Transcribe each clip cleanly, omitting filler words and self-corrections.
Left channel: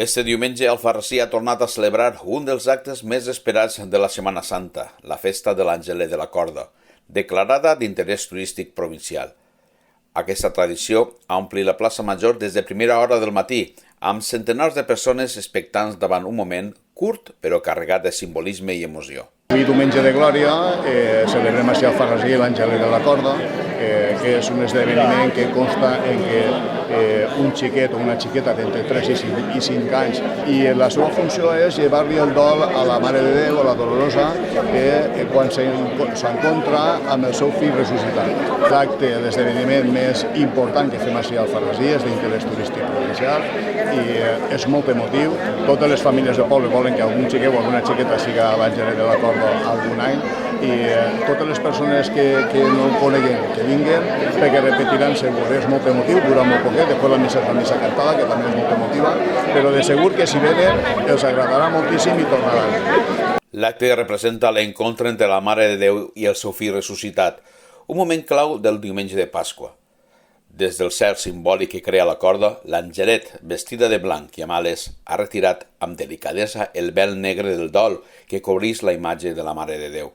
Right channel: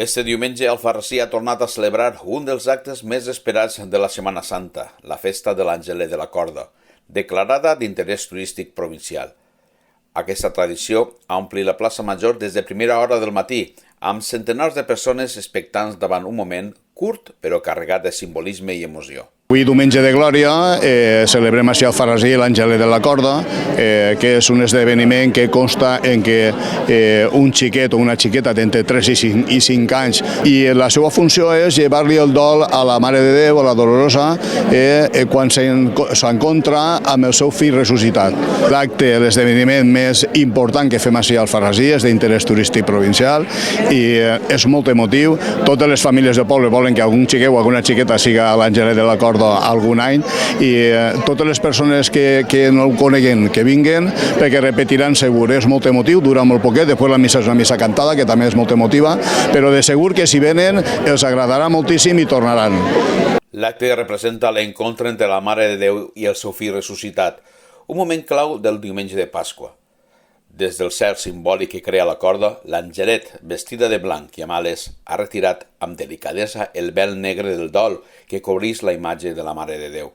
Este diumenge Alfarrasí ha tornat a celebrar un dels actes més esperats de la Setmana Santa, la festa de l'Angelet de la Corda, declarada d'interès turístic provincial. Aquesta tradició ha omplit la plaça Major des de primera hora del matí, amb centenars de persones expectants davant un moment curt però carregat de simbolisme i emoció. Avui, diumenge de Glòria, celebrem així a Alfarrasí l'Angelet de la Corda, que és un esdeveniment que consta en que un xiquet o una xiqueta d'entre 3 i 5 anys, i la seva funció és llevar-li el dol a la Mare de Déu, a la Dolorosa, quan s'encontra amb el seu fill ressuscitat. L'acte, l'esdeveniment més important que fem així a Alfarrasí és d'interès turístic provincial i és molt emotiu. Totes les famílies del poble volen que algun xiquet o alguna xiqueta siga a l'Angelet de la Corda algun any, i totes les persones que no el coneguen que vinguen, perquè repetiran segur. És molt emotiu, dura molt poquet, després la missa és una missa cantada que també és molt emotiva, però de segur que si venen els agradarà moltíssim i tornaran. L'acte representa l'encontre entre la Mare de Déu i el seu fill ressuscitat, un moment clau del diumenge de Pasqua. Des del cel simbòlic que crea la corda, l'Angelet, vestida de blanc i amb ales, ha retirat amb delicadesa el vel negre del dol que cobreix la imatge de la Mare de Déu.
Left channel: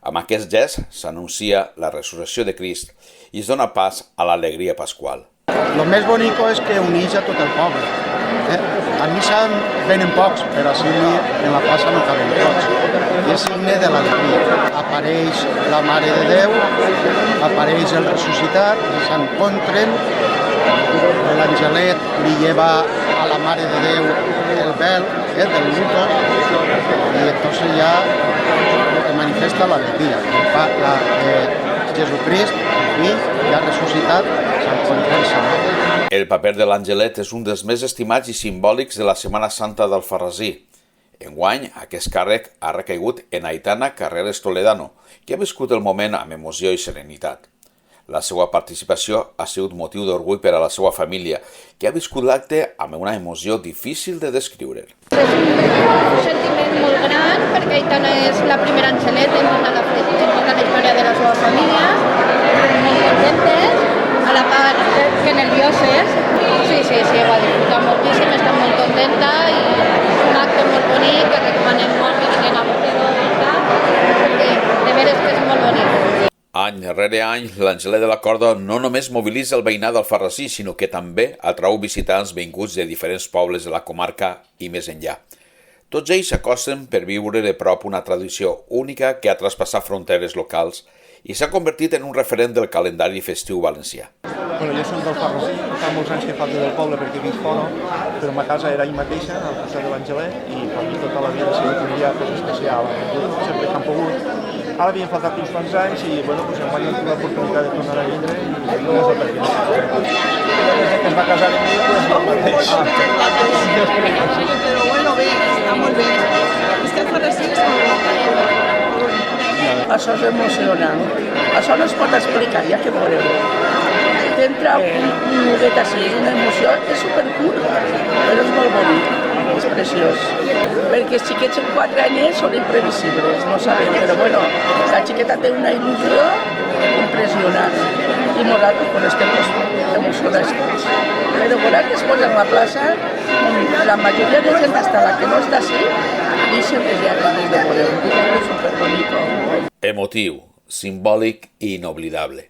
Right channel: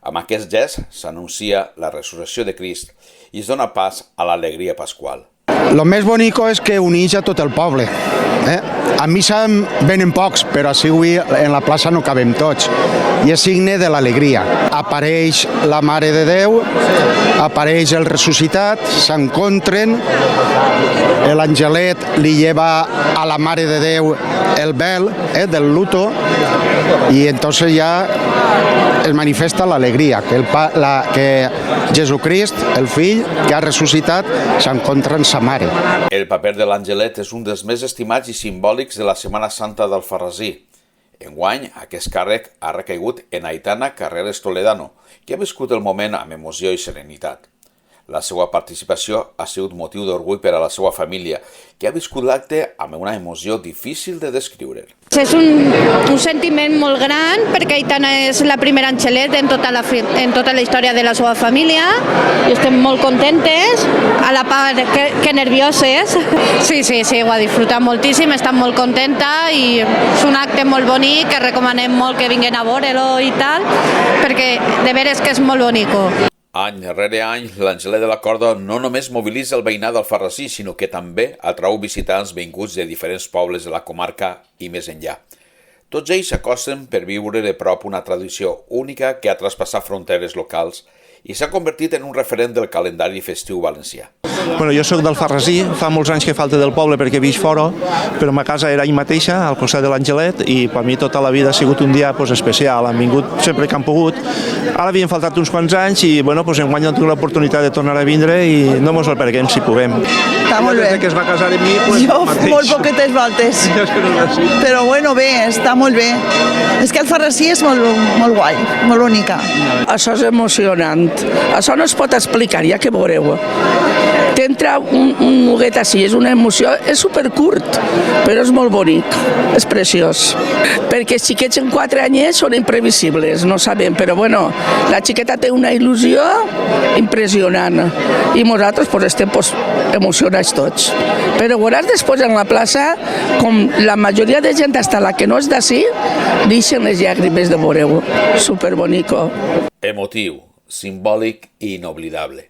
Amb aquest gest s'anuncia la resurrecció de Crist i es dona pas a l'alegria pasqual. Lo més bonico és que uneix a tot el poble. A missa venen pocs, però si avui en la plaça no cabem tots. I és signe de l'alegria. Apareix la Mare de Déu, apareix el ressuscitat, s'encontren, l'Angelet li lleva a la Mare de Déu el vel del luto, i entonces ja es manifesta l'alegria, que Jesucrist, el fill que ha ressuscitat, s'encontra amb sa mare. El paper de l'Angelet és un dels més estimats i simbòlics de la Setmana Santa d'Alfarrasí. Enguany, aquest càrrec ha recaigut en Aitana Carreras Toledano, que ha viscut el moment amb emoció i serenitat. La seva participació ha sigut motiu d'orgull per a la seva família, que ha viscut l'acte amb una emoció difícil de descriure. És un sentiment molt gran, perquè Aitana és la primera Angelet en tota la història de la seva família, i estem molt contentes, a la part que nervioses. Sí, ho ha disfrutat moltíssim, està molt contenta i és un acte molt bonic que recomanem molt que vinguin a veure-lo i tal, perquè de veres que és molt bonic. Any rere any, l'Angelet de la Corda no només mobilitza el veïnat d'Alfarrasí, sinó que també atrau visitants vinguts de diferents pobles de la comarca i més enllà. Tots ells s'acosten per viure de prop una tradició única que ha traspassat fronteres locals i s'ha convertit en un referent del calendari festiu valencià. Bueno, jo soc d'Alfarrasí, fa molts anys que falta del poble perquè visc fora, però ma casa era ahí mateixa, al costat de l'Angelet, i per mi tota la vida ha sigut un dia especial. Han vingut sempre que han pogut. Ara havien faltat uns quants anys i enguany han tingut l'oportunitat de tornar a vindre i no mos el perguem si puguem. Està molt bé. Que es va casar amb mi, jo molt poquetes voltes, però bé, està molt bé. És que Alfarrasí és molt guai, molt bonica. Això és emocionant. Això no es pot explicar, ja que veureu. T'entra un nuguet així, és una emoció, és supercurt, però és molt bonic, és preciós. Perquè els xiquets en 4 anys són imprevisibles, no sabem, però la xiqueta té una il·lusió impressionant i nosaltres estem emocionats tots. Però veuràs després en la plaça com la majoria de gent, hasta la que no és d'ací, deixen les llàgrimes de veure-ho. Superbonico. Emotiu, simbòlic i inoblidable.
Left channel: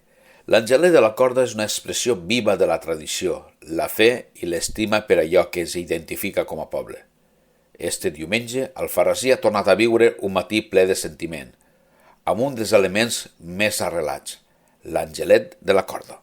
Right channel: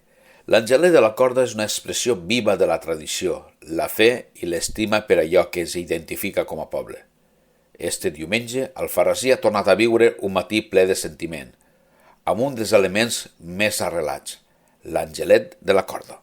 L'Angelet de la Corda és una expressió viva de la tradició, la fe i l'estima per allò que es identifica com a poble. Este diumenge, Alfarrasí ha tornat a viure un matí ple de sentiment, amb un dels elements més arrelats, l'Angelet de la Corda.